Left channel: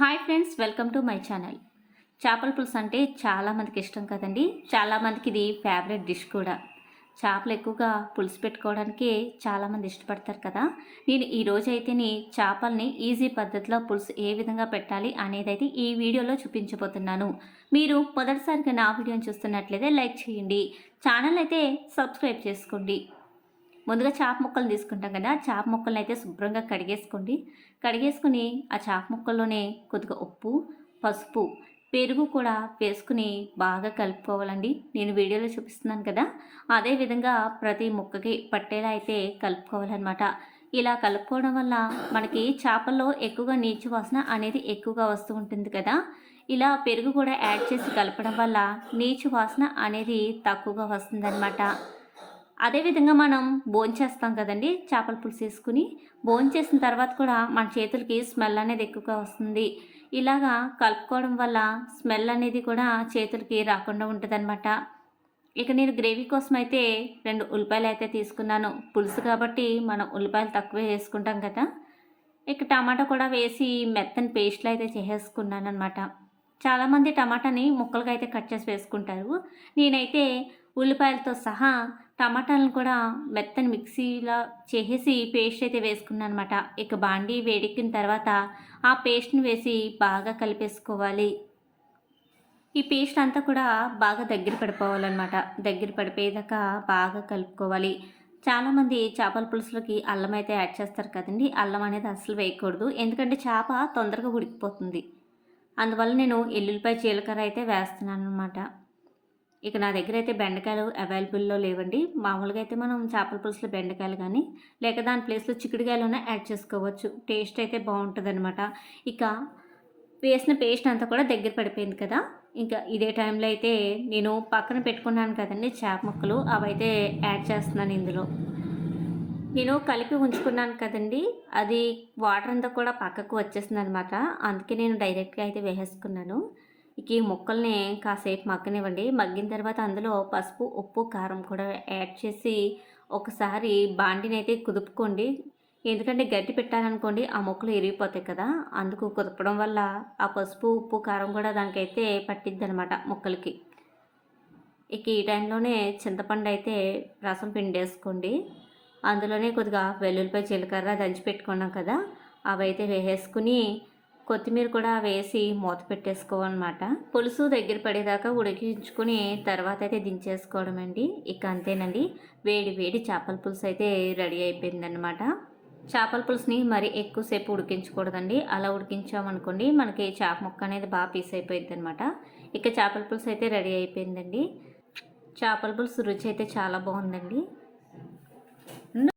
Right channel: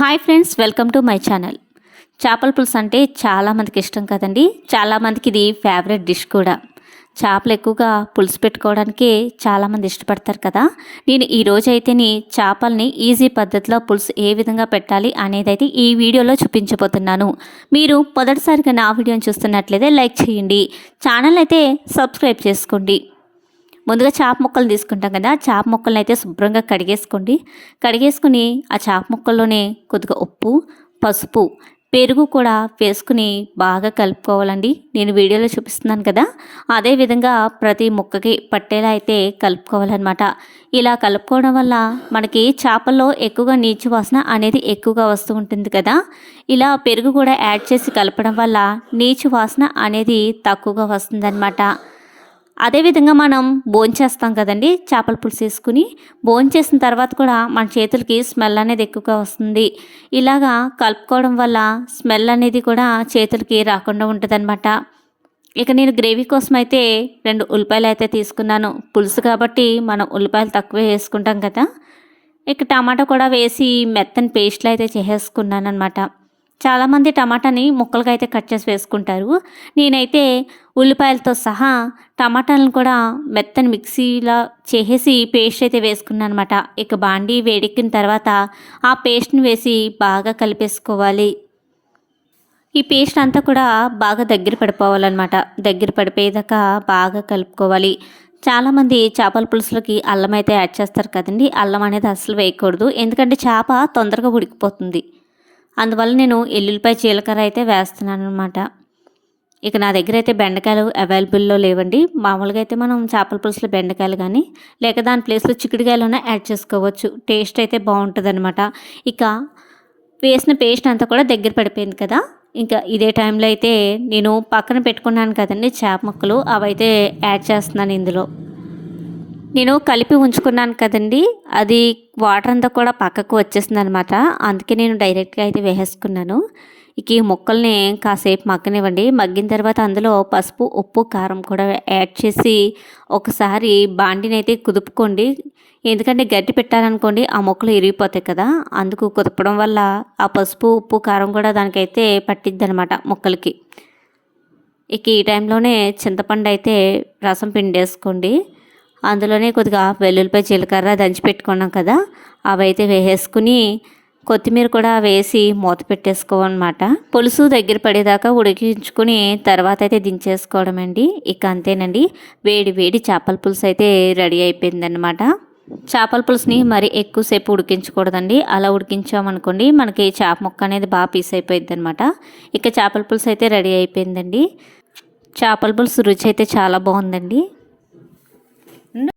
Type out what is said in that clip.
Hi friends welcome to my channel. చేపల పులుసు అంటే చాలామందికి ఇష్టం కదండి. చాలామందికి ఇది ఫేవరెట్ డిష్ కూడా. చేపలు ఎక్కువగా పులుసు పెట్టుకోవడానికి చాలామంది ఇష్టపడతారు కదా. నేను ఈరోజు అయితేని చేపల్ని ఈజీ పద్ధతిలో పులుసు ఏ విధంగా పెట్టాలి అనేది అయితే ఈ వీడియోలో చూపించబోతున్నాను. మీరు మొదటిసారిగా నా వీడియోని చూస్తున్నట్లయితే లైక్ చేయండి. ఛానల్ అయితే సబ్స్క్రైబ్ చేసుకోండి. ముందుగా చేప ముక్కలు తీసుకుంటాం కదా చేప ముక్కలను అయితే శుభ్రంగా కడిగేసుకోండి. కడిగేసుకుని ఆ చాప ముక్కల్లోనే కొద్దిగా ఉప్పు పసుపు పెరుగు కూడా వేసుకుని బాగా కలుపుకోవాలండి. నేను వీడియోలో చూపిస్తున్నాను కదా అదే విధంగా ప్రతి ముక్కకి పట్టేలా అయితే కలుపుకోవాలన్నమాట. ఇలా కలుపుకోవడం వల్ల మనకి చేపల్లో ఎక్కువగా నీచు వాసన అనేది ఎక్కువగా వస్తూ ఉంటుంది కదా ఇలా పెరుగు కూడా యాడ్ చేసి కలపడం వల్ల నీచు వాసన అనేది తక్కువగా వస్తుందన్నమాట. అదేవిధంగా మనం భోంచేస్తాం కదండి చేపల పులుసు వేసుకుని. భోంచేసిన తర్వాత కూడా మన చేతులకి స్మెల్ అనేది ఎక్కువగా వస్తుంది. ఇలాగా కలుపుకోవడం వల్ల స్మెల్ అనేది కూడా చేతులకి రాకుండా ఉంటుందన్నమాట. ఇక నేను గ్రేవీ కోసం అయితే రెండు ఉల్లిపాయలు అయితే తీసుకున్నాను. పులుసు కాబట్టి మనం ఉల్లిపాయలు తక్కువే వేసుకుంటాం కదా. ఇక టమాటా కూడా వేసి మెత్తని పేస్ట్లు అయితే చేసేసుకున్నాను అనమాట చాలామంది టమాటాని ముక్కలుగా అయితే కట్ చేసి వేసుకుంటారు. నేనైతే ఉల్లిపాయలతో సహా టమాటాలను కూడా మెత్తని మిక్సీలా చేసేసి పేస్ట్ అయితే వేసుకున్నాను అనమాట ఇక బాండీ వేడెక్కిన తర్వాత ఆ పేస్ట్ని వేసి బాగా కలిపేసుకోవాలి. ఈ పేస్ట్ అంతా కూడా బాగా దగ్గర పడిపోవాలన్నమాట. దగ్గర పడిపోయేదాకా బాగా కలుపుకోవాలి. చాలామంది చేపల పులుసులకి అల్లం అయితే యాడ్ చేస్తారు కదండి. అల్లం అనేది అసలు వేయకూడదు. ఎందుకంటే చేప తొందరగా ఉడికిపోతుంది. అందువల్ల నేను ఎల్లుల్లిపాయ జీలకర్ర అయితే వేస్తున్నాను అనమాట ఇక నా దగ్గర అయితే బెండకాయలు అవైలబుల్లో లేవండి. మామూలుగా అయితే మనం చేపల పులుసులో బెండకాయలు కానీ లేక దాని ప్లేస్లో చిక్కుడుకాయలు యాడ్ చేసుకోవచ్చు. టేస్ట్ అయితే బాగుంటుంది అనమాట ఇక వేసిన పేస్ట్ అంతా కూడా దగ్గర పడిపోయింది కదా. ఇంకా ఇదే టైంలో అయితే నేను పక్కన పెట్టుకున్నాను కదండి చేప ముక్కలు. అవైతే యాడ్ చేస్తున్నాను ఇందులో. నేను కలిపి ఉంచుకున్నాను కదండి. అది వాటర్ అంతా కూడా పక్కకు వచ్చేసింది అనమాట అందుకే నేను డైరెక్ట్గా అయితే వేసేసుకున్నాను. ఇక ఈ ముక్కల్ని కాసేపు మగ్గనివ్వండి. మగ్గిన తర్వాత అందులో పసుపు ఉప్పు కారం కూడా యాడ్ చేసి ఒకసారి బాండిని అయితే కుదుపుకోండి. ఎందుకంటే గట్టి పెట్టాలనుకోండి ఆ మొక్కలు ఇరిగిపోతాయి కదా. అందుకు కుదపడం వల్ల ఆ పసుపు ఉప్పు కారం కూడా దానికైతే పట్టిద్ది అనమాట మొక్కలకి. ఇక ఈ టైంలోనే చింతపండు అయితే రసం పిండేసుకోండి. అందులోనే కొద్దిగా వెల్లుల్లిపాయ జీలకర్ర దంచి పెట్టుకున్నాం కదా. అవైతే వేసేసుకుని కొత్తిమీర కూడా వేసి మూత పెట్టేసుకోవన్నమాట. పులుసు దగ్గర పడేదాకా ఉడికించుకుని తర్వాత అయితే దించేసుకోవడం అండి. ఇక అంతేనండి. వేడి వేడి చేపల పులుసు అయితే రెడీ అయిపోయిందనమాట చేపల పులుసుని మరి ఎక్కువసేపు ఉడికించకూడదండి. అలా ఉడికించామనుకోండి మనకి చేప ముక్క అనేది బాగా పీస్ అయిపోయింది అనమాట ఇక చేపల పులుసు అయితే రెడీ అయిపోయిందండి. చేపల పులుసు రుచి అయితే చాలా బాగుందండి.